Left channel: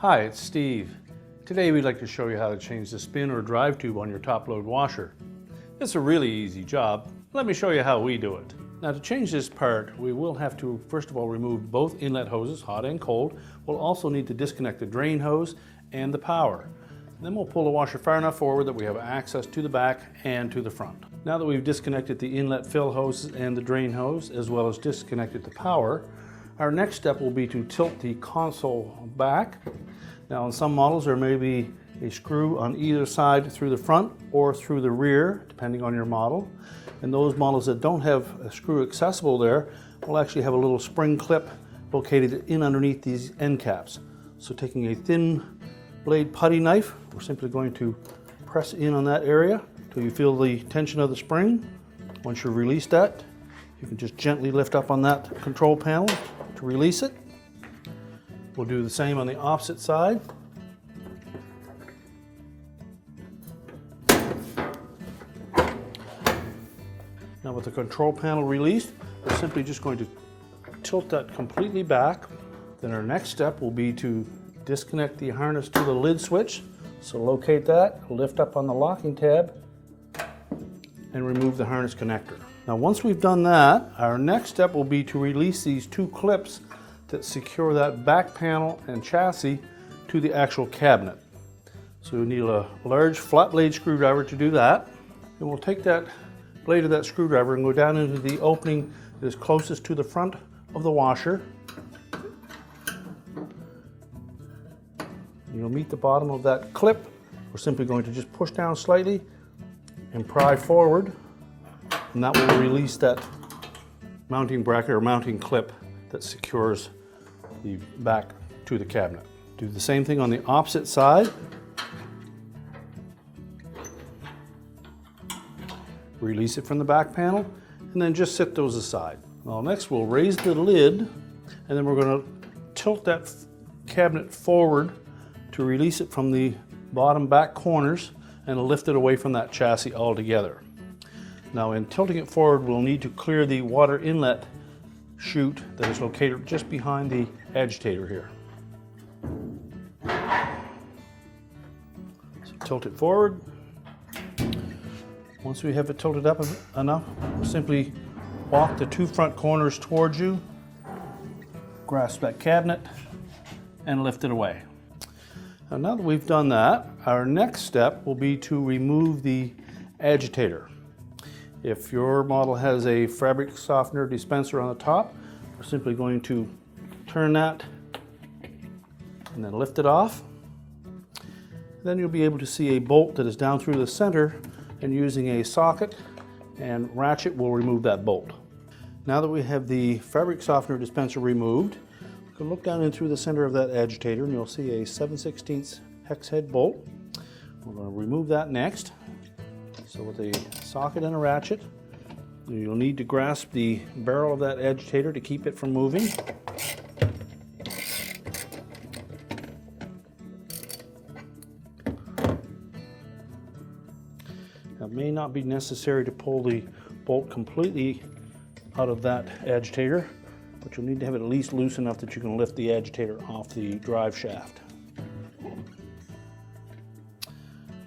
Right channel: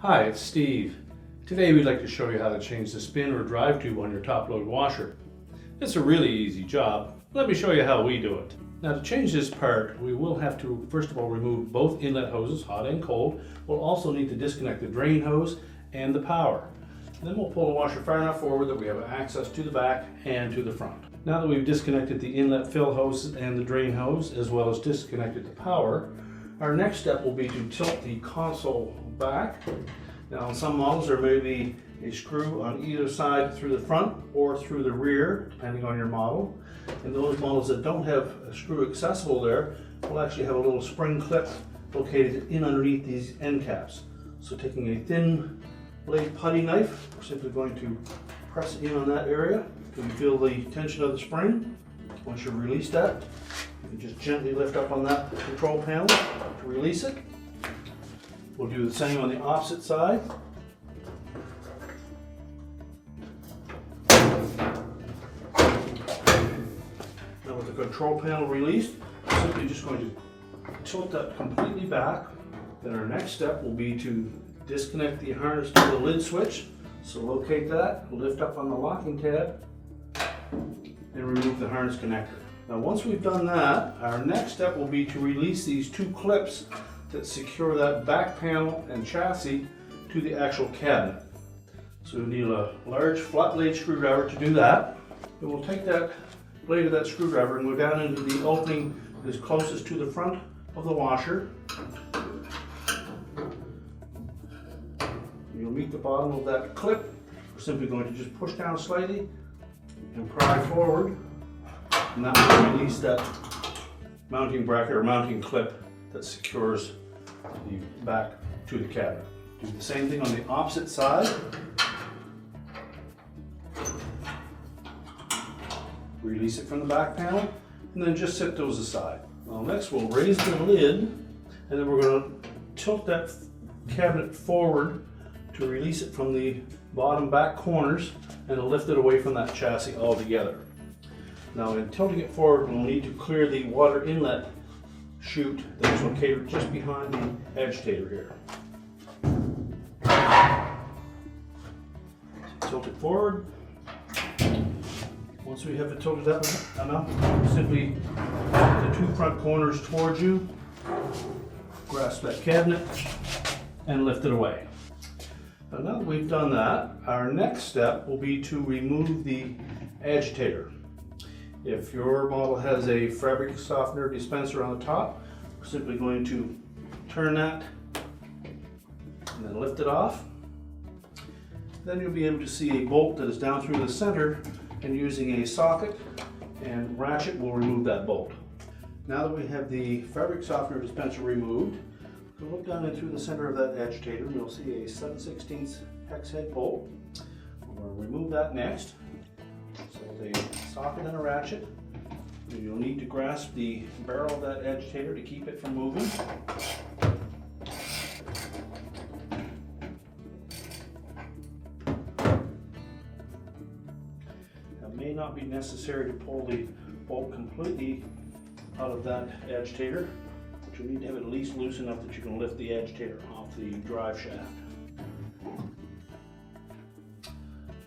Hi, it's Steve. Today we'd like to show you how to change the spin or drive tube on your top load washer. It's a really easy job. Let me show you how we do it. Now to change this part, we will have to first of all remove both inlet hoses, hot and cold. We'll also need to disconnect the drain hose and the power. Then we'll pull the washer far enough forward that we have access to the back and to the front. Now that we've disconnected the inlet fill hose and the drain hose, as well as disconnected the power, our next step will be to tilt the console back. Now on some models there may be a screw on either side through the front or through the rear, depending on your model. And those models that don't have a screw accessible there will actually have a little spring clip located in underneath these end caps. So taking a thin blade putty knife, we're simply going to press in on that area till you feel the tension of the spring. Once you've released that, you can just gently lift up on that control panel to release it. We'll do the same on the opposite side. Now with the control panel released, we're simply just going to tilt that completely back. Then our next step will be to disconnect the harness to the lid switch. So locate that, lift up on the locking tab, and remove the harness connector. Now once we've done that, our next step will be to release these two clips that secure that back panel and chassis to the actual cabinet. So you'll need a large flat blade screwdriver to do that. And we'll take that blade of that screwdriver and go down into the opening that is closest to the front of the washer. You'll meet the bottom of that clip. We're simply going to just push down slightly and pry forward, and that will release that mounting bracket or mounting clip that secures the back to the cabinet. Do the same thing on the opposite side. Release it from the back panel and then just set those aside. Well, next we'll raise the lid and then we're going to tilt that cabinet forward to release it from the bottom back corners and lift it away from that chassis altogether. Now in tilting it forward, we'll need to clear the water inlet chute that is located just behind the agitator here. So tilt it forward. Once we have it tilted up enough, simply walk the two front corners towards you, grasp that cabinet, and lift it away. And now that we've done that, our next step will be to remove the agitator. If your model has a fabric softener dispenser on the top, we're simply going to turn that and then lift it off. Then you'll be able to see a bolt that is down through the center, and using a socket and ratchet will remove that bolt. Now that we have the fabric softener dispenser removed, you can look down in through the center of that agitator and you'll see a 7/16 hex head bolt. We're going to remove that next. So with a socket and a ratchet, you'll need to grasp the barrel of that agitator to keep it from moving. Now, it may not be necessary to pull the bolt completely out of that agitator, but you'll need to have it at least loose enough that you can lift the agitator off the drive shaft.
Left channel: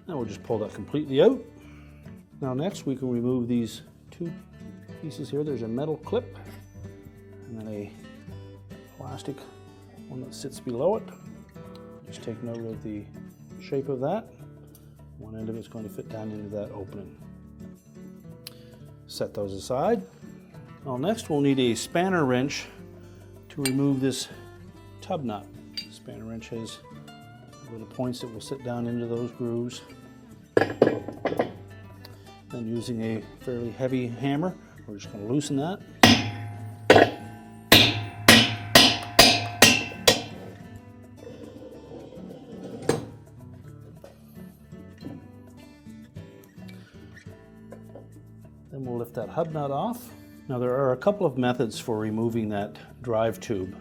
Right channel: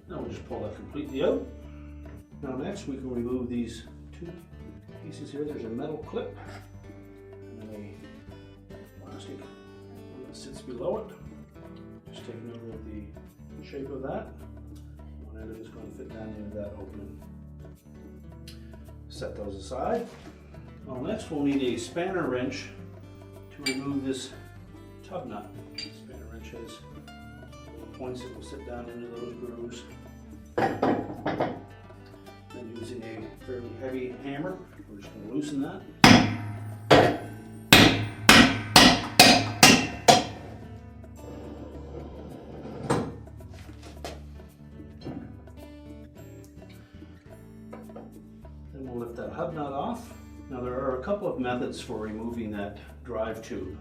Now we'll just pull that completely out. Now next we can remove these two pieces here. There's a metal clip and then a plastic one that sits below it. Just take note of the shape of that. One end of it's going to fit down into that opening. Set those aside. Now next we'll need a spanner wrench to remove this tub nut. The spanner wrench has little points that will sit down into those grooves. Then using a fairly heavy hammer, we're just going to loosen that. Then we'll lift that hub nut off. Now there are a couple of methods for removing that drive tube,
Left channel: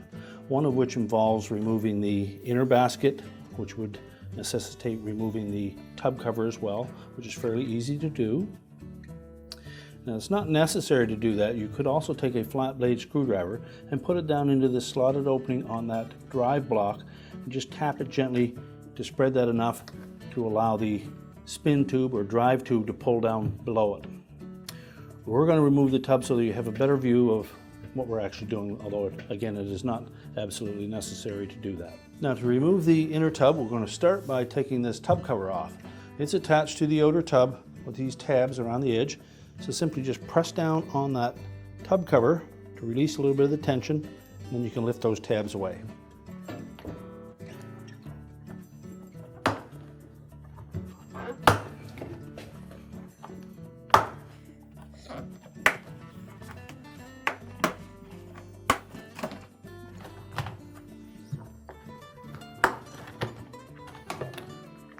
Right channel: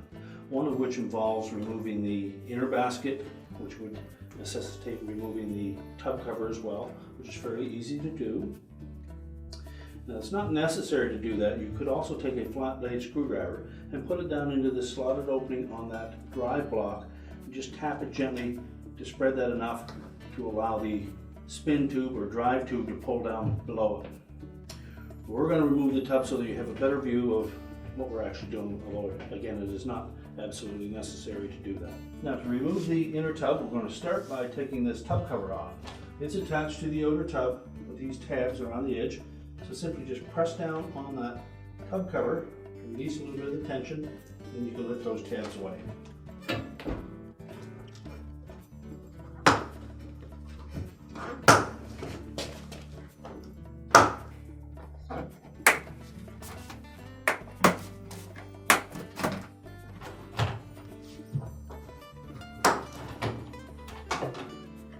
one of which involves removing the inner basket, which would necessitate removing the tub cover as well, which is fairly easy to do. Now it's not necessary to do that. You could also take a flat blade screwdriver and put it down into the slotted opening on that drive block and just tap it gently to spread that enough to allow the spin tube or drive tube to pull down below it. We're going to remove the tub so that you have a better view of what we're actually doing, although again it is not absolutely necessary to do that. Now to remove the inner tub, we're going to start by taking this tub cover off. It's attached to the outer tub, but these tabs are on the edge, so simply just press down on that tub cover to release a little bit of the tension, and then you can lift those tabs away.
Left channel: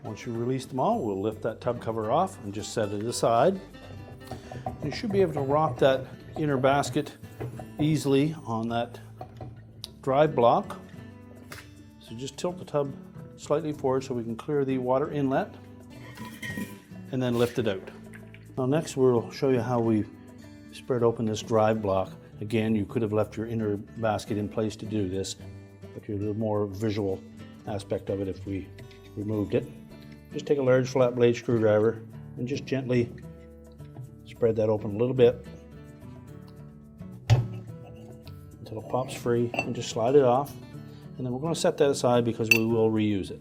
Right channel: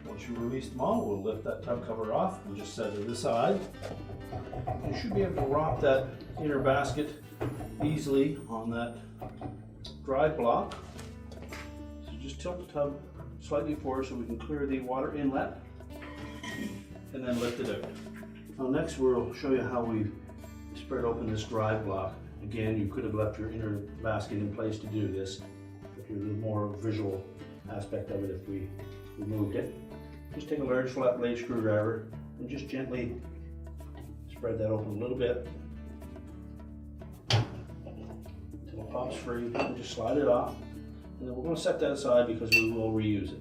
Once you release them all, we'll lift that tub cover off and just set it aside. You should be able to rock that inner basket easily on that drive block. So just tilt the tub slightly forward so we can clear the water inlet and then lift it out. Now next we'll show you how we spread open this drive block. Again, you could have left your inner basket in place to do this, but you have a more visual aspect of it if we removed it. Just take a large flat blade screwdriver and just gently spread that open a little bit until it pops free, and just slide it off. And then we're going to set that aside because we will reuse it.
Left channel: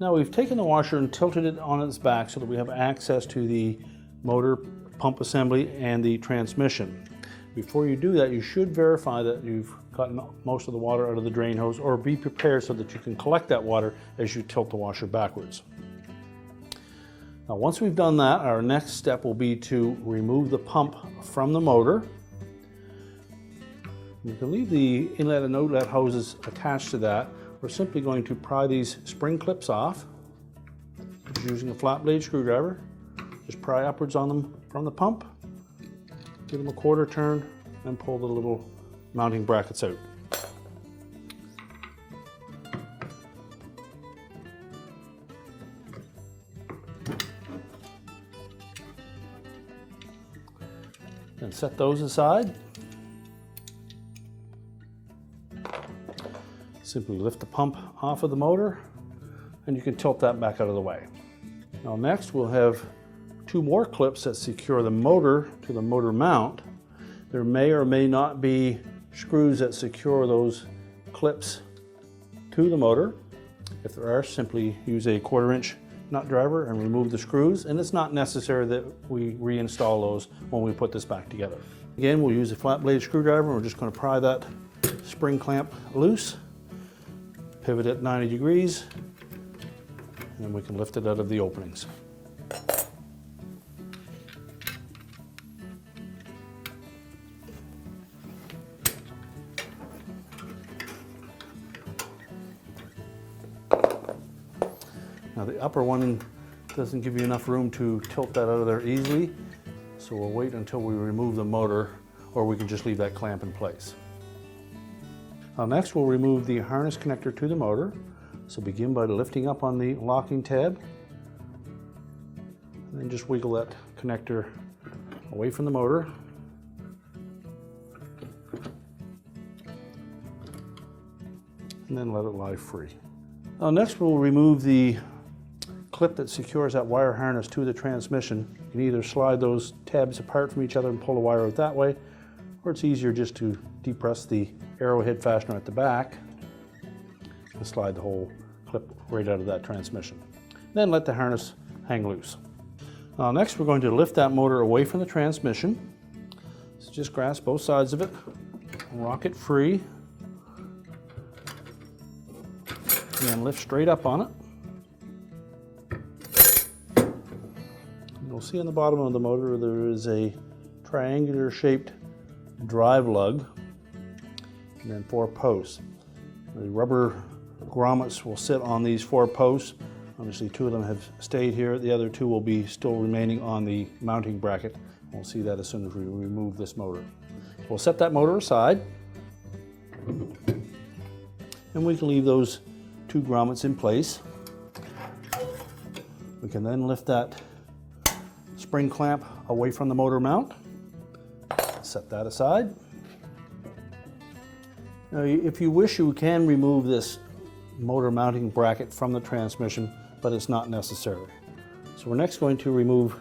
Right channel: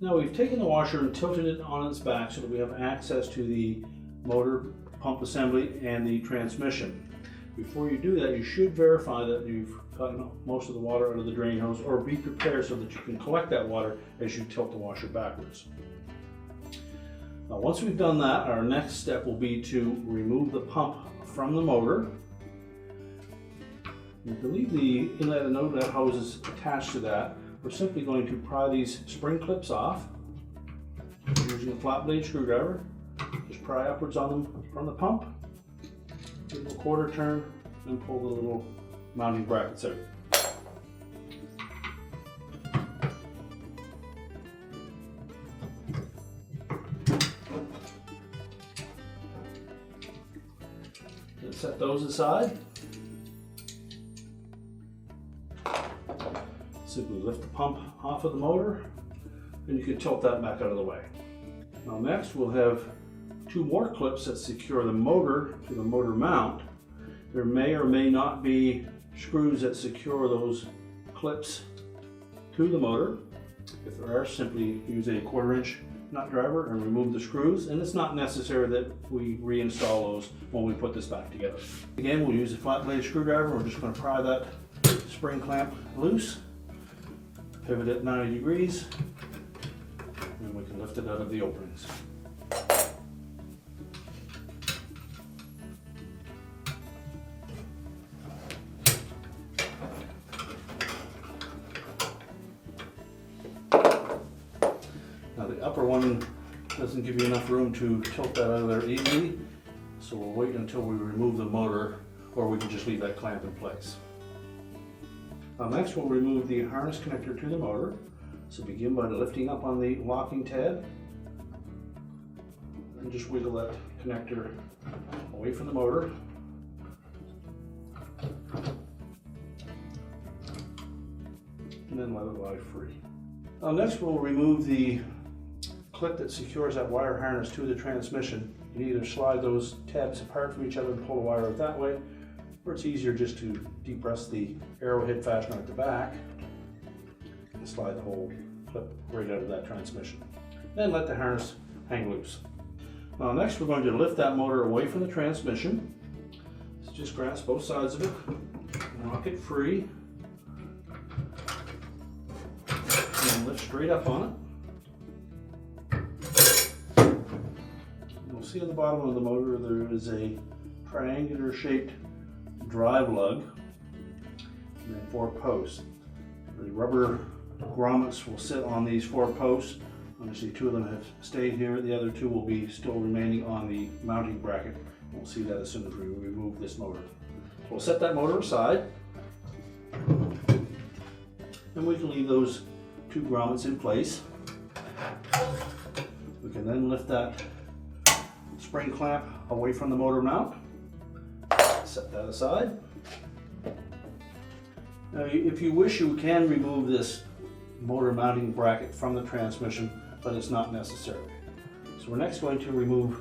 Now we've taken the washer and tilted it on its back so that we have access to the motor, pump assembly, and the transmission. Before you do that, you should verify that you've gotten most of the water out of the drain hose, or be prepared so that you can collect that water as you tilt the washer backwards. Now once we've done that, our next step will be to remove the pump from the motor. You can leave the inlet and outlet hoses attached to that. We're simply going to pry these spring clips off using a flat blade screwdriver. Just pry upwards on them from the pump, give them a quarter turn, and pull the little mounting brackets out. And set those aside. Simply lift the pump off of the motor, and you can tilt that back out of the way. Now next we'll have two more clips that secure the motor to the motor mount. There may or may not be screws that secure those clips to the motor. If there are, simply use a 1/4 inch nut driver and remove the screws, and it's not necessary that we reinstall those when we put this back together. Again, we'll use a flat blade screwdriver. We're just going to pry that spring clamp loose, pivot it 90 degrees, and we can lift it out of the openings. Now the upper one doesn't give you enough room to tilt that out of there easily, so we'll wait until we remove the motor, or we can just leave that clamp in place. Next we'll remove the harness connector to the motor. So begin by lifting up on the locking tab, and then just wiggle that connector away from the motor. And then let it lie free. Next we'll remove the clip that secures that wire harness to the transmission. You can either slide those tabs apart from each other and pull the wire out that way, or it's easier just to depress the arrowhead fastener at the back and slide the whole clip right out of that transmission. Then let the harness hang loose. Now next we're going to lift that motor away from the transmission. So just grasp both sides of it, rock it free, and lift straight up on it. You'll see on the bottom of the motor there is a triangular shaped drive lug and then 4 posts. The rubber grommets will sit on these 4 posts. Obviously 2 of them have stayed here. The other 2 will be still remaining on the mounting bracket. We'll see that as soon as we remove this motor. We'll set that motor aside, and we can leave those 2 grommets in place. We can then lift that spring clamp away from the motor mount. Set that aside. Now, if you wish, you can remove this motor mounting bracket from the transmission, but it's not necessary. So we're next going to remove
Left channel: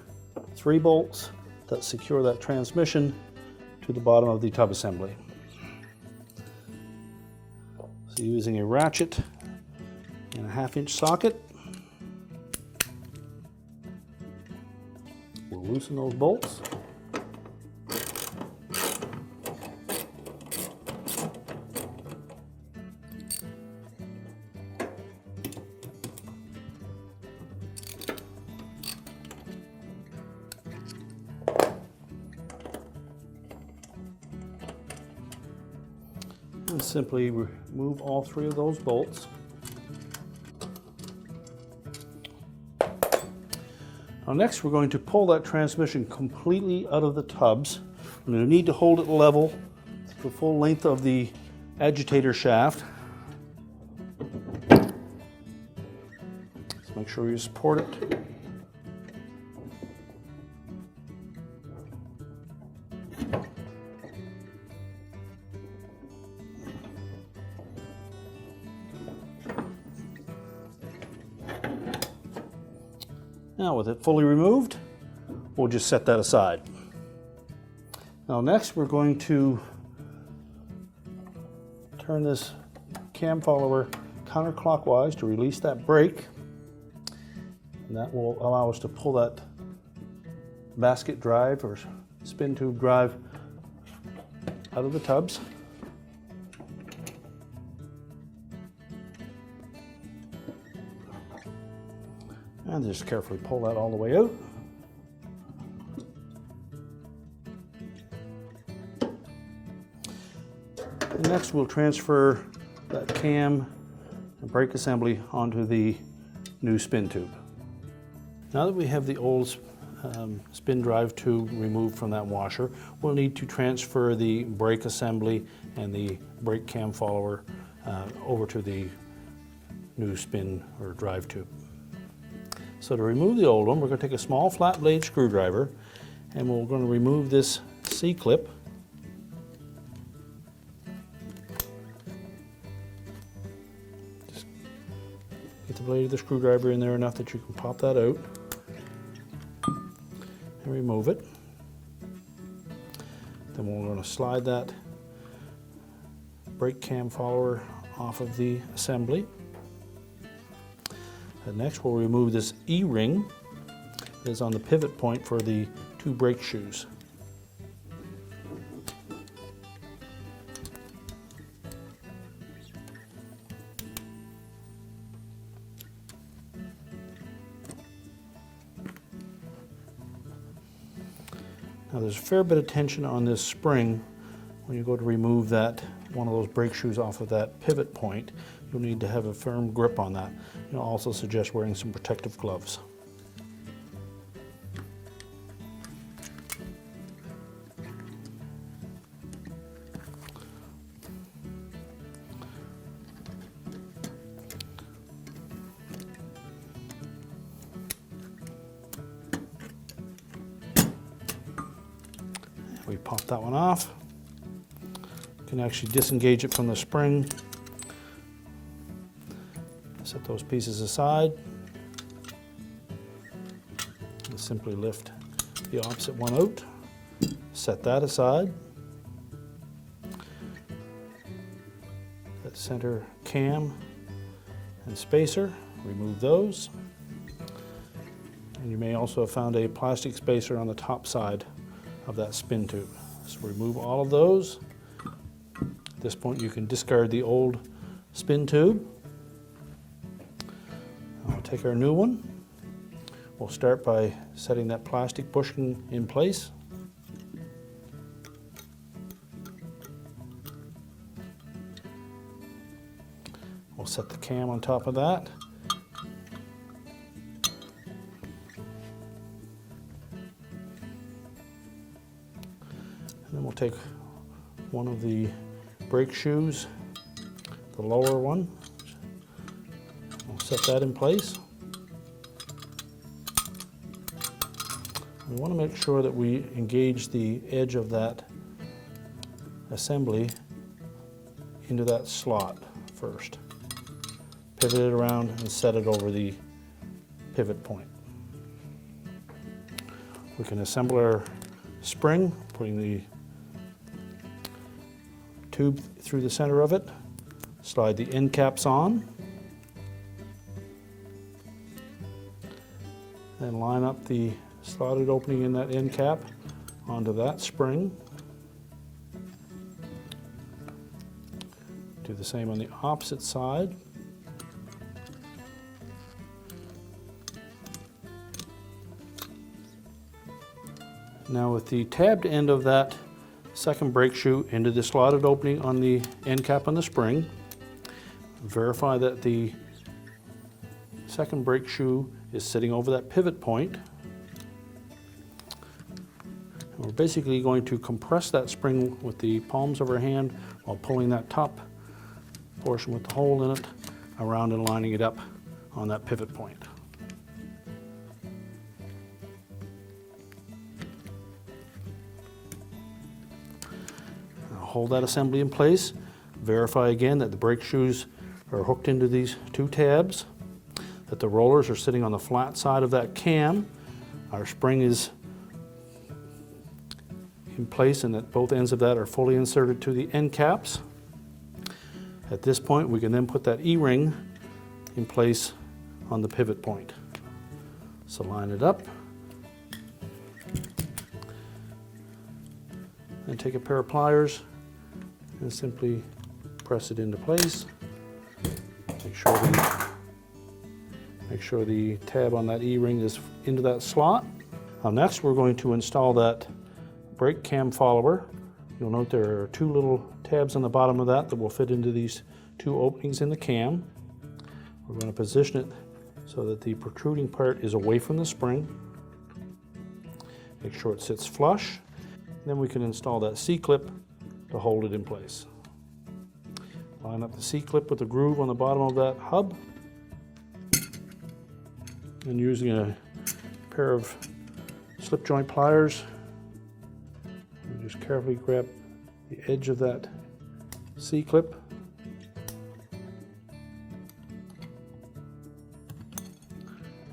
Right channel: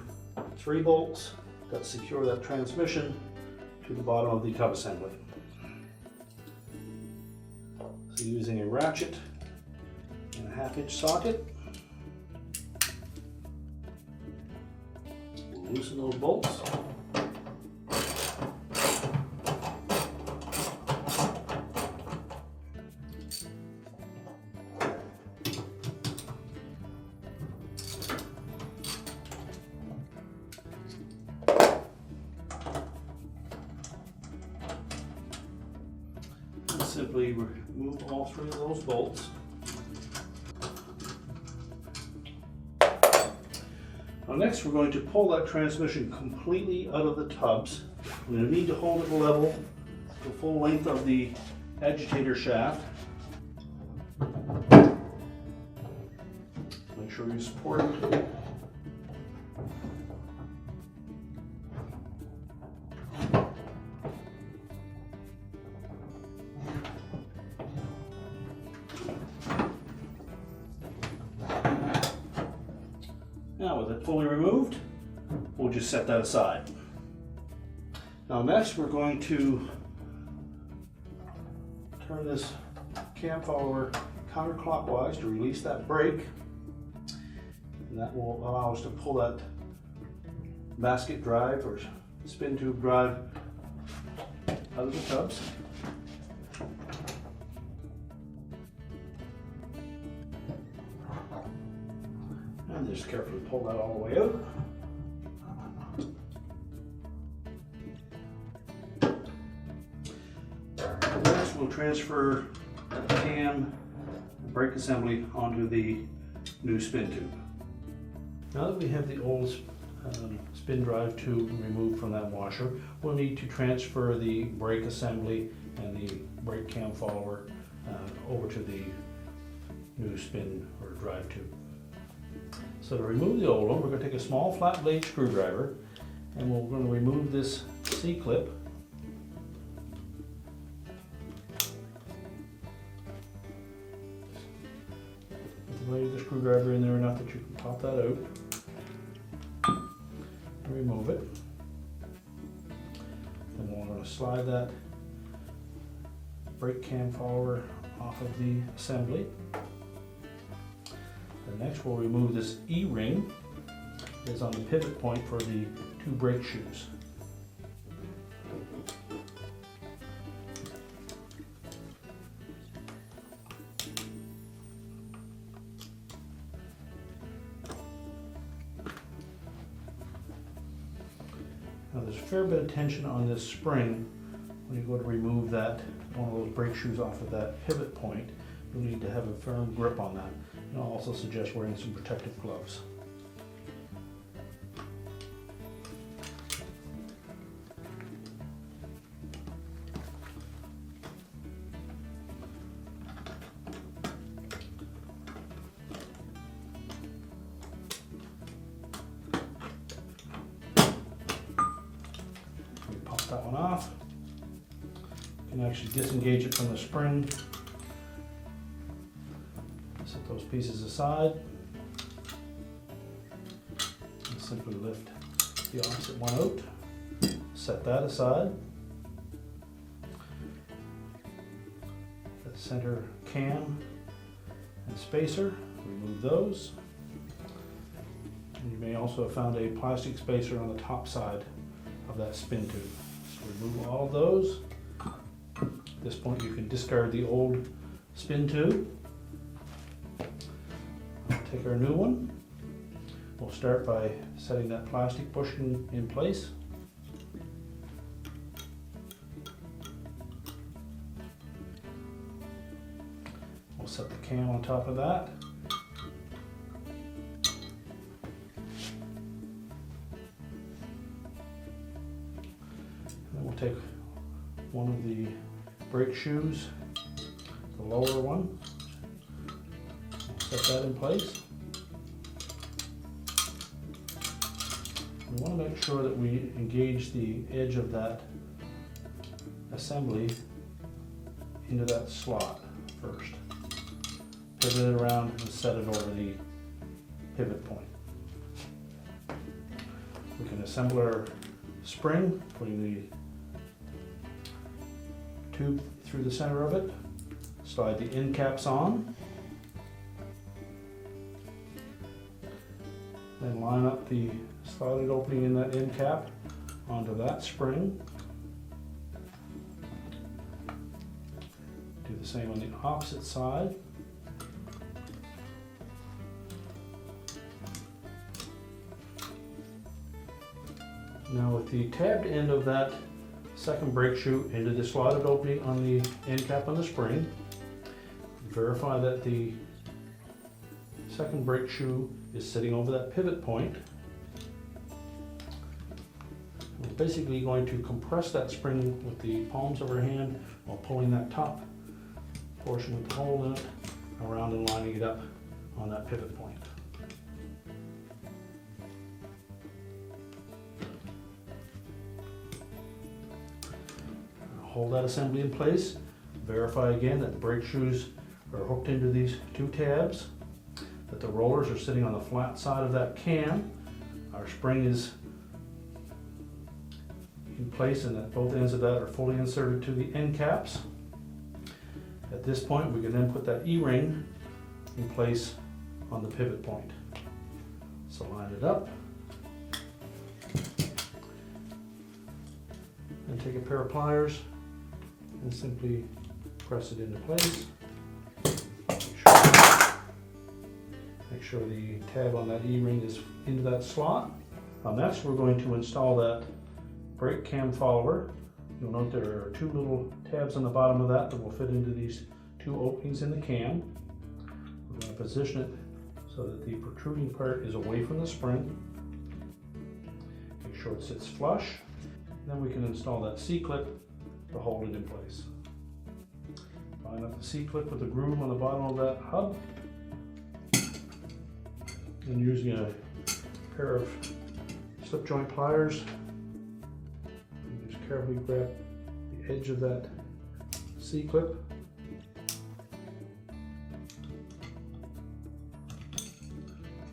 3 bolts that secure that transmission to the bottom of the tub assembly. So using a ratchet and a 1/2-inch socket, we'll loosen those bolts. And simply remove all 3 of those bolts. Now next we're going to pull that transmission completely out of the tubs. We're going to need to hold it level the full length of the agitator shaft. Make sure you support it. Now with it fully removed, we'll just set that aside. Now next we're going to turn this cam follower counterclockwise to release that brake, and that will allow us to pull that basket drive or spin tube drive out of the tubs. And just carefully pull that all the way out. And next we'll transfer that cam and brake assembly onto the new spin tube. Now that we have the old spin drive tube removed from that washer, we'll need to transfer the brake assembly and the brake cam follower over to the new spin or drive tube. So to remove the old one, we're going to take a small flat blade screwdriver and we're going to remove this C-clip. Just get the blade of the screwdriver in there enough that you can pop that out and remove it. Then we're going to slide that brake cam follower off of the assembly. And next we'll remove this E-ring that's on the pivot point for the 2 brake shoes. Now there's a fair bit of tension on this spring when you go to remove that one of those brake shoes off of that pivot point. You'll need to have a firm grip on that. And I'll also suggest wearing some protective gloves. We pop that one off. You can actually disengage it from the spring. Set those pieces aside and simply lift the opposite one out. Set that aside. The center cam and spacer, remove those. And you may also have found a plastic spacer on the top side of that spin tube. So remove all of those. At this point you can discard the old spin tube. Take our new one. We'll start by setting that plastic bushing in place. We'll set the cam on top of that. And then we'll take one of the brake shoes, the lower one. Set that in place. We want to make sure that we engage the edge of that assembly into that slot first. pivot it around and set it over the pivot point. We can assemble our spring, putting the tube through the center of it, slide the end caps on, then line up the slotted opening in that end cap onto that spring. Do the same on the opposite side. Now with the tabbed end of that second brake shoe into the slotted opening on the end cap on the spring, verify that the second brake shoe is sitting over that pivot point. We're basically going to compress that spring with the palms of our hand while pulling that top portion with the hole in it around and lining it up on that pivot point. Hold that assembly in place. Verify again that the brake shoes are hooked into these two tabs, that the rollers are sitting on the flat side of that cam, our spring is in place, and that both ends of that are fully inserted to the end caps. At this point, we can then put that E-ring in place on the pivot point. So line it up and take a pair of pliers and simply press it into place. Make sure the tab on that E-ring is into that slot. Now next we're going to install that brake cam follower. You'll note there are two little tabs on the bottom of that will fit into these two openings in the cam. We're going to position it so that the protruding part is away from the spring. Make sure it sits flush. Then we can install that C-clip to hold it in place. Line up the C-clip with the groove on the bottom of that hub, and using a pair of slip joint pliers, just carefully grab the edge of that C-clip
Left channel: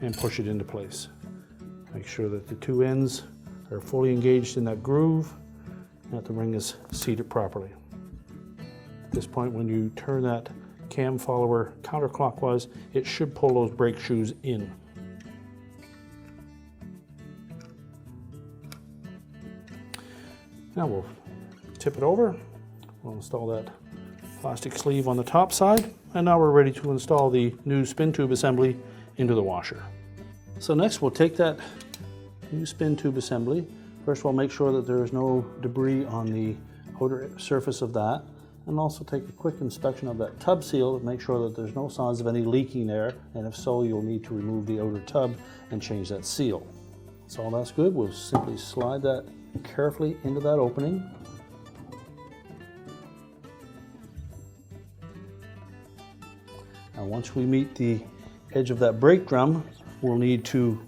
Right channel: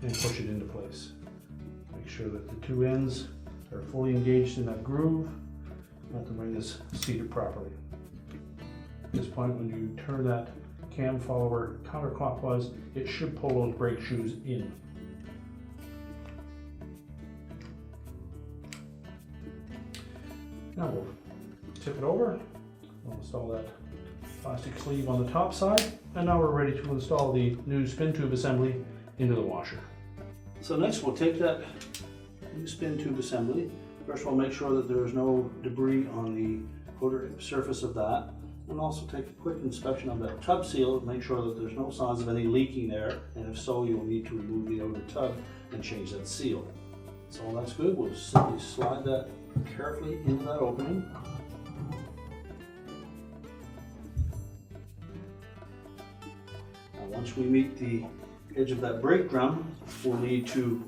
and push it into place. Make sure that the two ends are fully engaged in that groove and that the ring is seated properly. At this point, when you turn that cam follower counterclockwise, it should pull those brake shoes in. Now we'll tip it over. We'll install that plastic sleeve on the top side, and now we're ready to install the new spin tube assembly into the washer. So next we'll take that new spin tube assembly. First of all, make sure that there is no debris on the outer surface of that, and also take a quick inspection of that tub seal to make sure that there's no signs of any leaking there, and if so, you'll need to remove the outer tub and change that seal. So all that's good, we'll simply slide that carefully into that opening. Now once we meet the edge of that brake drum, we'll need to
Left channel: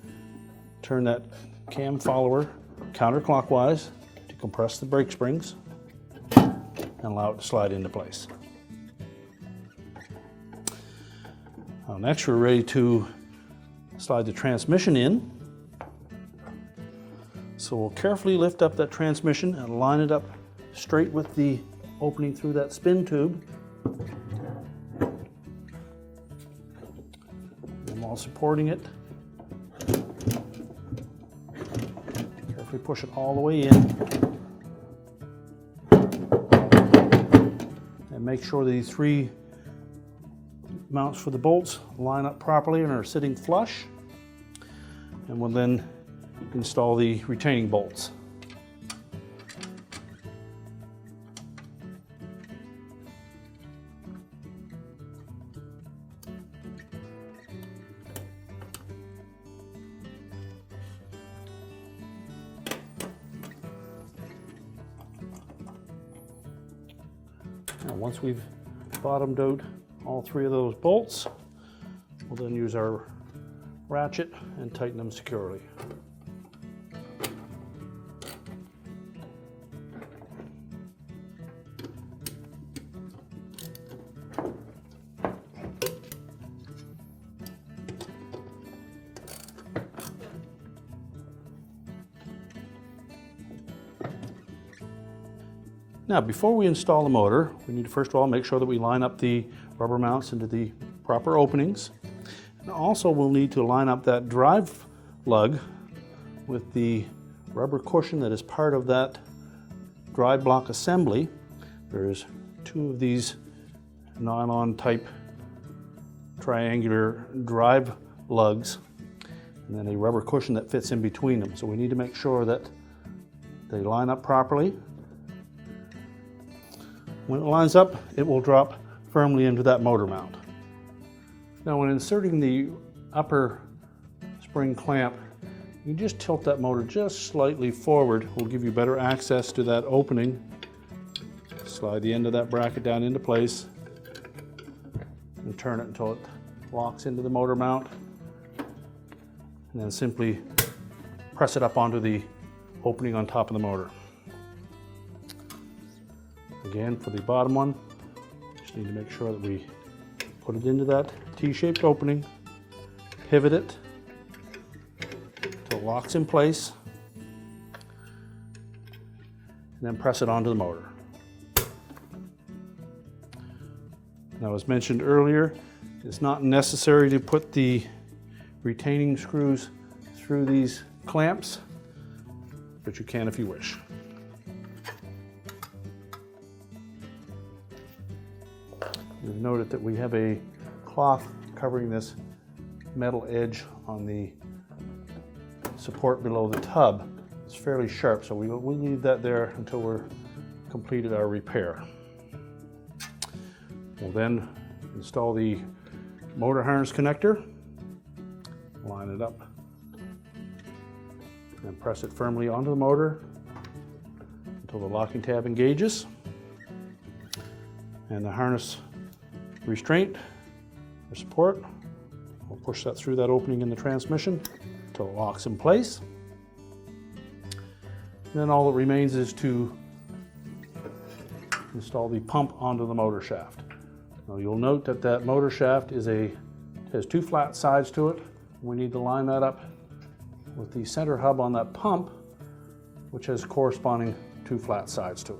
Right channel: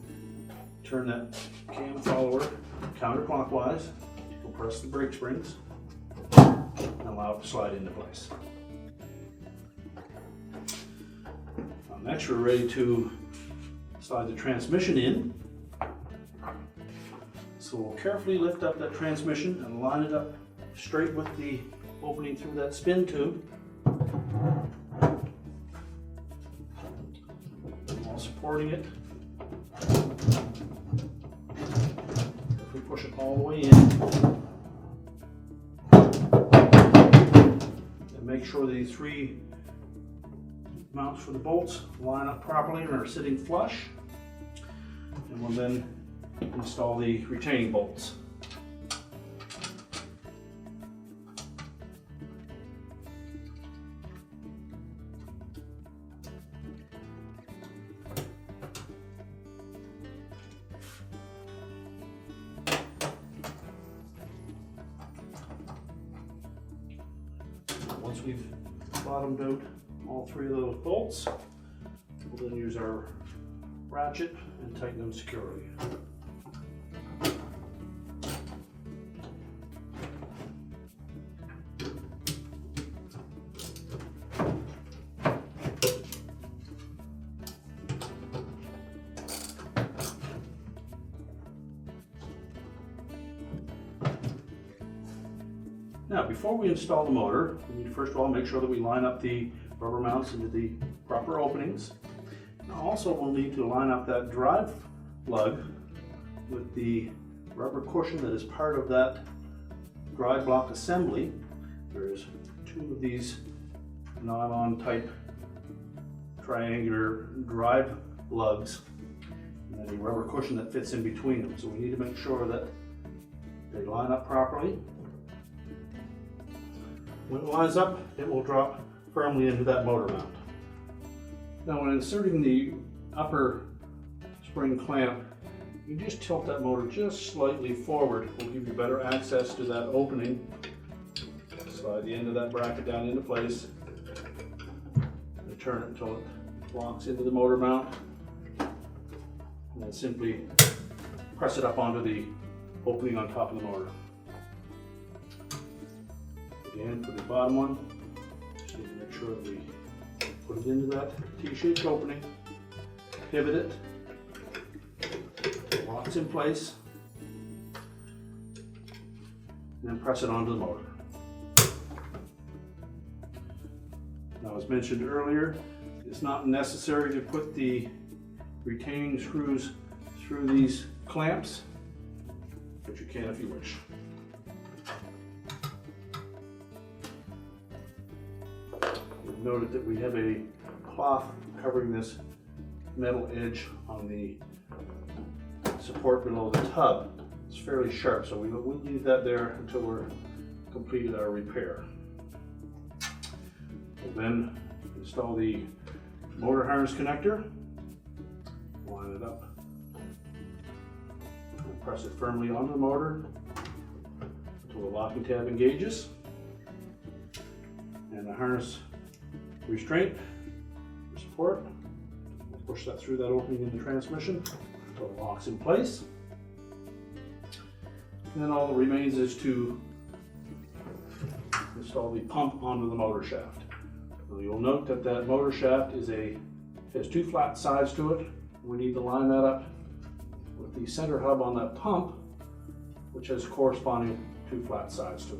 turn that cam follower counterclockwise to compress the brake springs and allow it to slide into place. Now next we're ready to slide the transmission in. So we'll carefully lift up that transmission and line it up straight with the opening through that spin tube. And while supporting it, carefully push it all the way in. And make sure the three mounts for the bolts line up properly and are sitting flush. And we'll then install the retaining bolts. Now once we've bottomed out all three of those bolts, we'll then use our ratchet and tighten them securely. Now, before we install the motor, we need to first of all make sure that we line up the rubber mounts into the proper openings. And also, we'll need to line up that drive lug with the rubber cushion that is part of that drive block assembly. There's two of these nylon type triangular drive lugs and then a rubber cushion that fits in between them. So we need to make sure that they line up properly. When it lines up, it will drop firmly into that motor mount. Now, when inserting the upper spring clamp, you just tilt that motor just slightly forward. Will give you better access to that opening. Slide the end of that bracket down into place and turn it until it locks into the motor mount. And then simply press it up onto the opening on top of the motor. Again, for the bottom one, just need to make sure that we put it into that T-shaped opening, pivot it until it locks in place, and then press it onto the motor. Now, as mentioned earlier, it's not necessary to put the retaining screws through these clamps, but you can if you wish. You'll note that we have a cloth covering this metal edge on the support below the tub. It's fairly sharp, so we'll leave that there until we're completed our repair. We'll then install the motor harness connector, line it up, and press it firmly onto the motor until the locking tab engages. And the harness restraint or support, we'll push that through that opening in the transmission until it locks in place. And then all that remains is to install the pump onto the motor shaft. Now, you'll note that that motor shaft has two flat sides to it. We need to line that up with the center hub on that pump, which has corresponding two flat sides to it.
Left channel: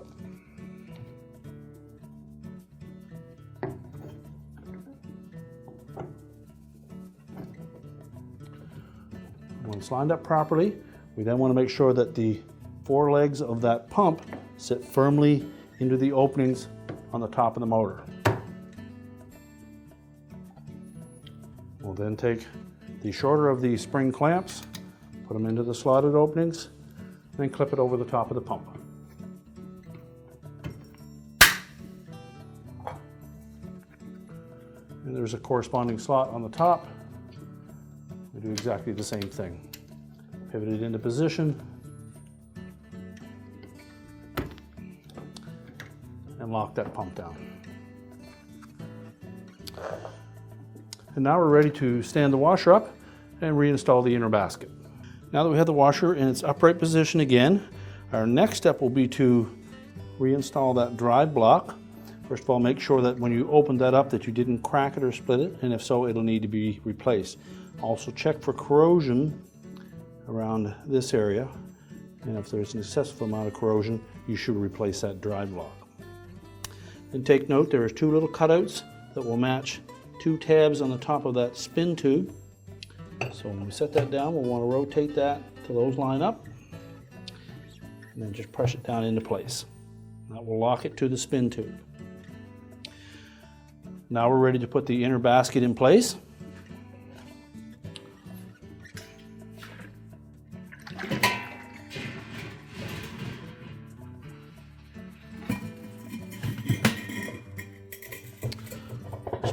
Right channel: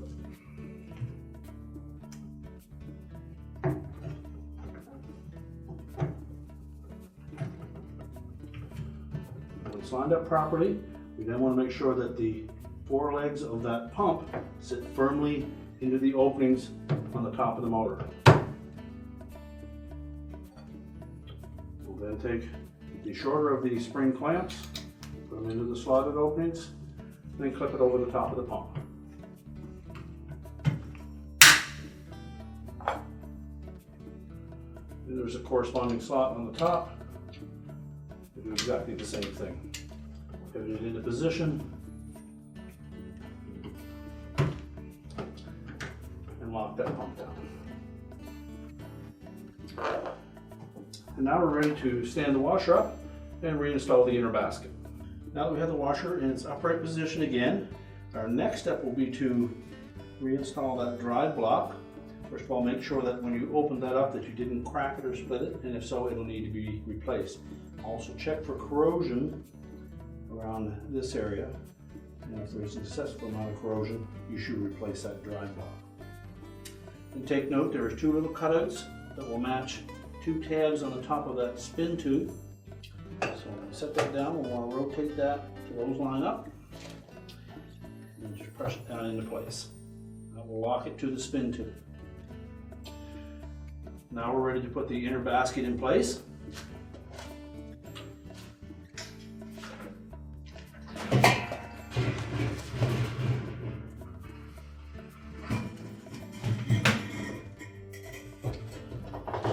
When it's lined up properly, we then want to make sure that the four legs of that pump sit firmly into the openings on the top of the motor. We'll then take the shorter of the spring clamps, put them into the slotted openings, and then clip it over the top of the pump. And there's a corresponding slot on the top. We do exactly the same thing. Pivot it into position and lock that pump down. And now we're ready to stand the washer up and reinstall the inner basket. Now that we have the washer in its upright position again, our next step will be to reinstall that drive block. First of all, make sure that when you open that up that you didn't crack it or split it, and if so, it'll need to be replaced. Also check for corrosion around this area, and if there's an excessive amount of corrosion, you should replace that drive block. And take note, there are two little cutouts that will match two tabs on the top of that spin tube. So when we set that down, we'll want to rotate that till those line up, and then just press it down into place. That will lock it to the spin tube. Now we're ready to put the inner basket in place.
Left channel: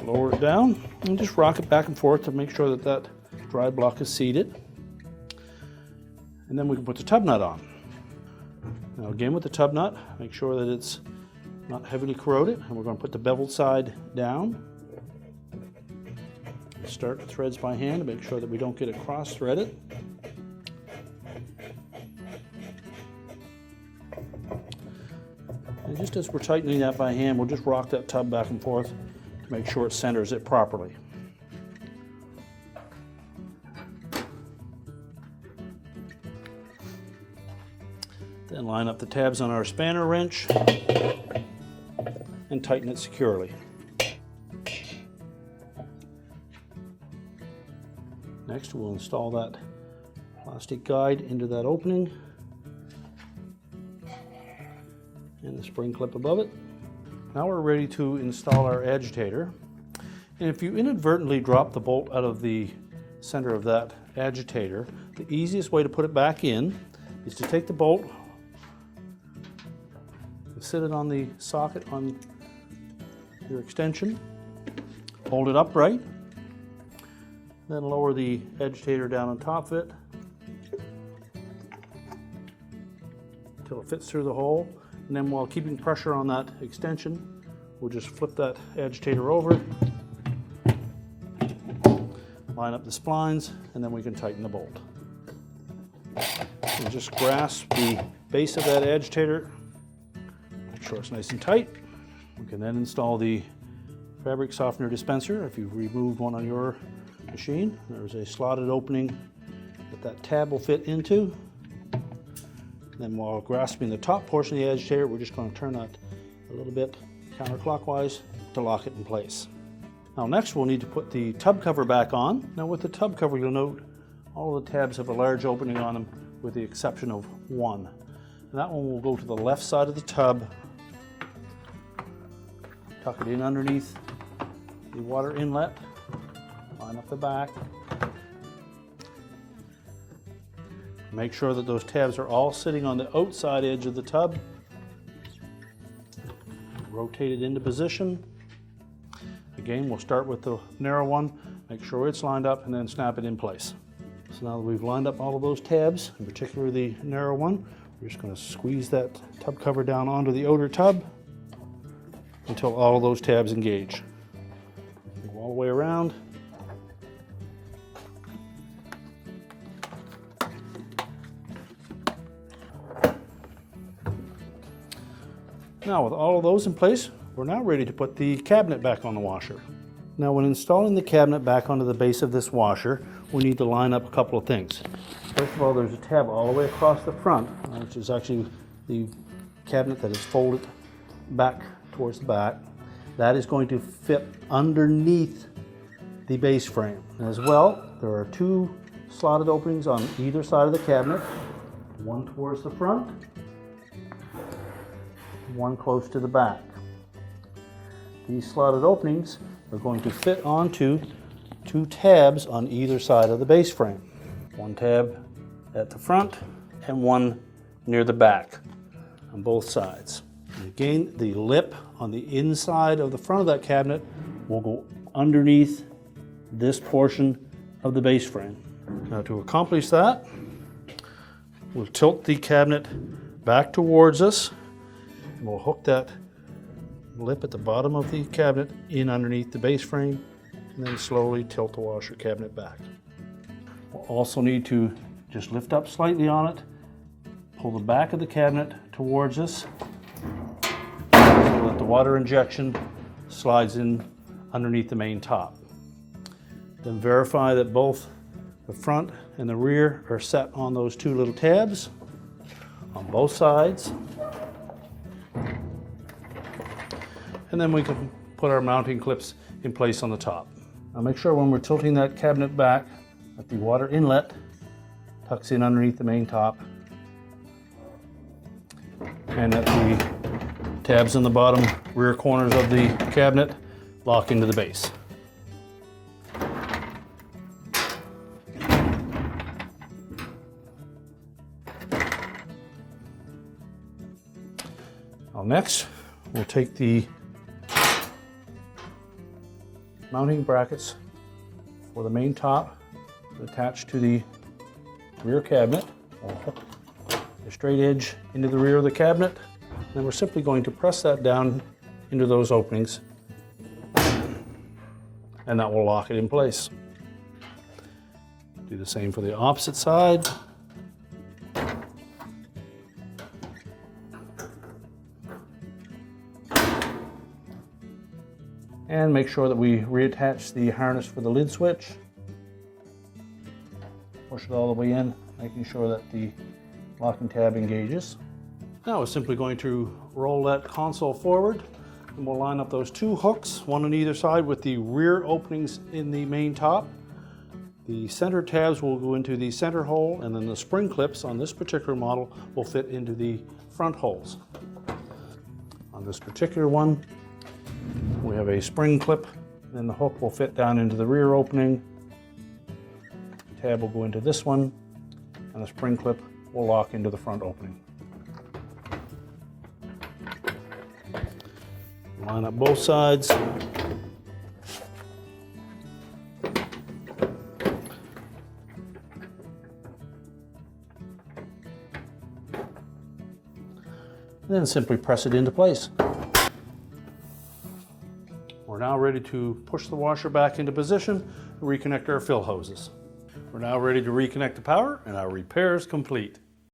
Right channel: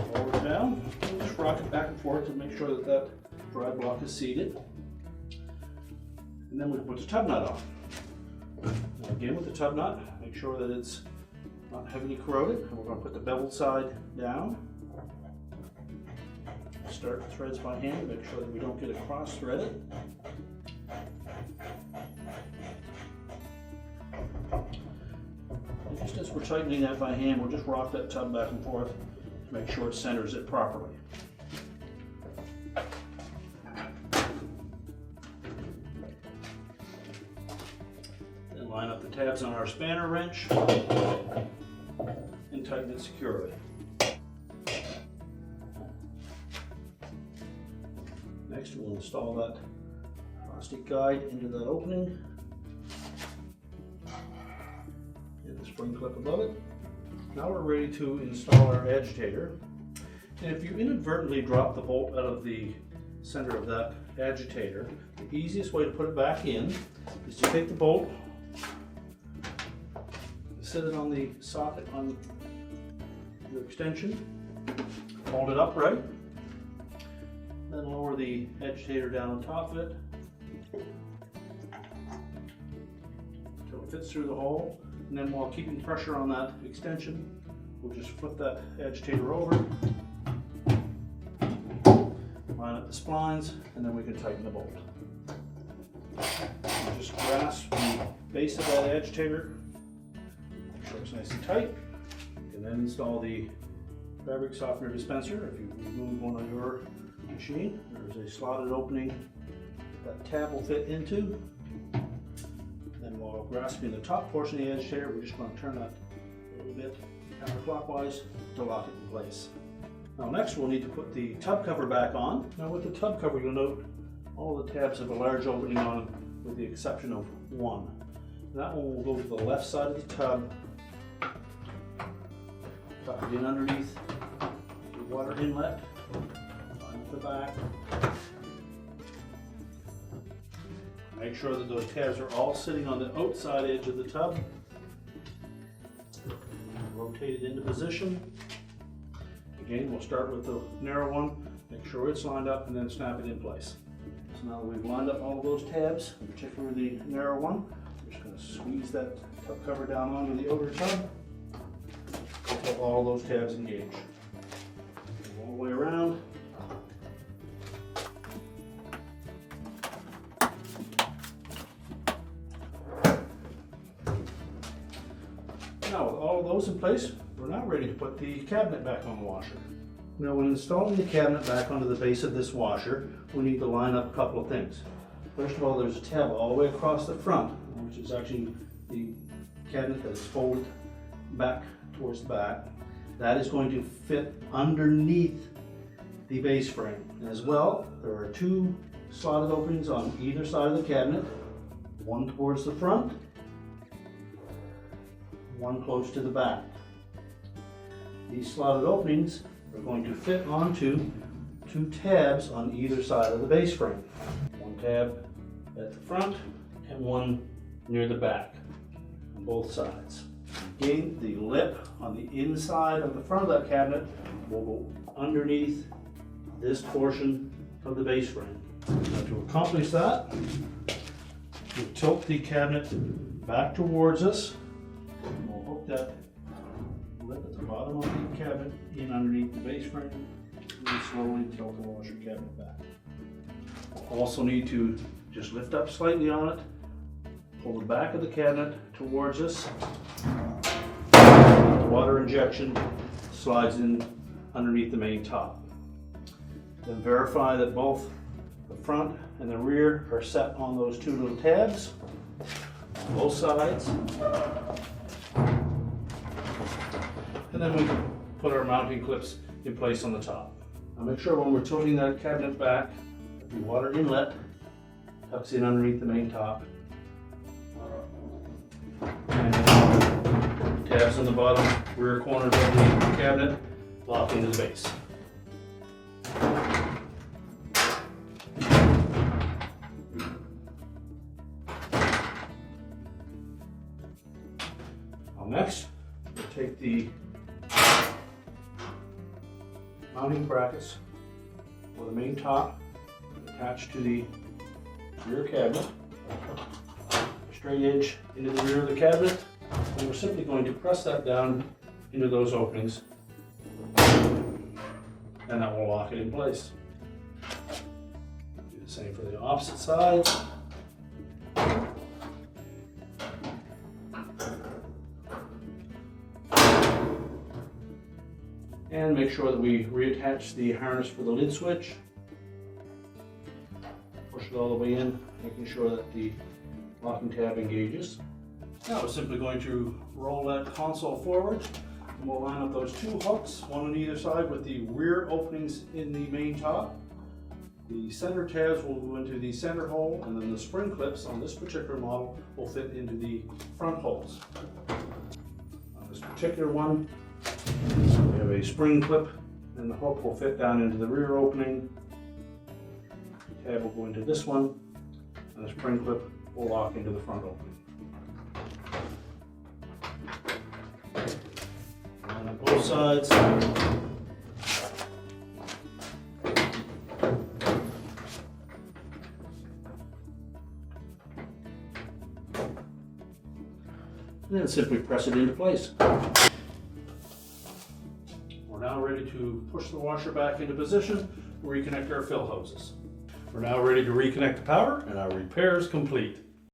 Lower it down and just rock it back and forth to make sure that that drive block is seated. And then we can put the tub nut on. Now again, with the tub nut, make sure that it's not heavily corroded. And we're going to put the beveled side down. Start the threads by hand, make sure that we don't get it cross-threaded. And just as we're tightening that by hand, we'll just rock that tub back and forth to make sure it centers it properly. Then line up the tabs on our spanner wrench and tighten it securely. Next, we'll install that plastic guide into that opening and the spring clip above it. Now we're ready to install our agitator. And if you inadvertently drop the bolt out of the center of that agitator, the easiest way to put it back in is to take the bolt, sit it on the socket on your extension, hold it upright, then lower the agitator down on top of it until it fits through the hole. And then while keeping pressure on that extension, we'll just flip that agitator over, line up the splines, and then we can tighten the bolt. So just grasp the base of that agitator, make sure it's nice and tight. You can then install the fabric softener dispenser. If you remove one on your machine, there's a slotted opening that that tab will fit into. Then while grasping the top portion of the agitator, we're just going to turn that a little bit counterclockwise to lock it in place. Now next we'll need to put the tub cover back on. Now with the tub cover, you'll note all the tabs have a large opening on them with the exception of one. And that one will go to the left side of the tub, tuck it in underneath the water inlet, line up the back. Make sure that those tabs are all sitting on the outside edge of the tub. Rotate it into position. Again, we'll start with the narrow one, make sure it's lined up, and then snap it in place. So now that we've lined up all of those tabs, in particular the narrow one, we're just going to squeeze that tub cover down onto the outer tub until all those tabs engage. Go all the way around. Now with all of those in place, we're now ready to put the cabinet back on the washer. Now when installing the cabinet back onto the base of this washer, we need to line up a couple of things. First of all, there's a tab all the way across the front, which is actually the cabinet that is folded back towards the back. That is going to fit underneath the base frame. As well, there are two slotted openings on either side of the cabinet, one towards the front, one close to the back. These slotted openings are going to fit onto two tabs on either side of the base frame. One tab at the front and one near the back on both sides. Again, the lip on the inside of the front of that cabinet will go underneath this portion of the base frame. Now to accomplish that, we'll tilt the cabinet back towards us. We'll hook that lip at the bottom of the cabinet in underneath the base frame and then slowly tilt the washer cabinet back. We'll also need to just lift up slightly on it, pull the back of the cabinet towards us so that the water injection slides in underneath the main top. Then verify that both the front and the rear are set on those two little tabs on both sides. And then we can put our mounting clips in place on the top. Now make sure when we're tilting that cabinet back that the water inlet tucks in underneath the main top and that the tabs in the bottom rear corners of the cabinet lock into the base. Now next, we'll take the mounting brackets for the main top attached to the rear cabinet. A straight edge into the rear of the cabinet, and we're simply going to press that down into those openings, and that will lock it in place. Do the same for the opposite side. And make sure that we reattach the harness for the lid switch. Push it all the way in, making sure that the locking tab engages. Now we're simply going to roll that console forward, and we'll line up those two hooks, one on either side, with the rear openings in the main top. The center tabs will go into the center hole, and then the spring clips on this particular model will fit into the front holes. On this particular one, we have a spring clip, and the hook will fit down into the rear opening. The tab will go into this one, and the spring clip will lock into the front opening. Line up both sides. Then simply press it into place. We're now ready to push the washer back into position and reconnect our fill hoses. We're now ready to reconnect the power, and our repair is complete.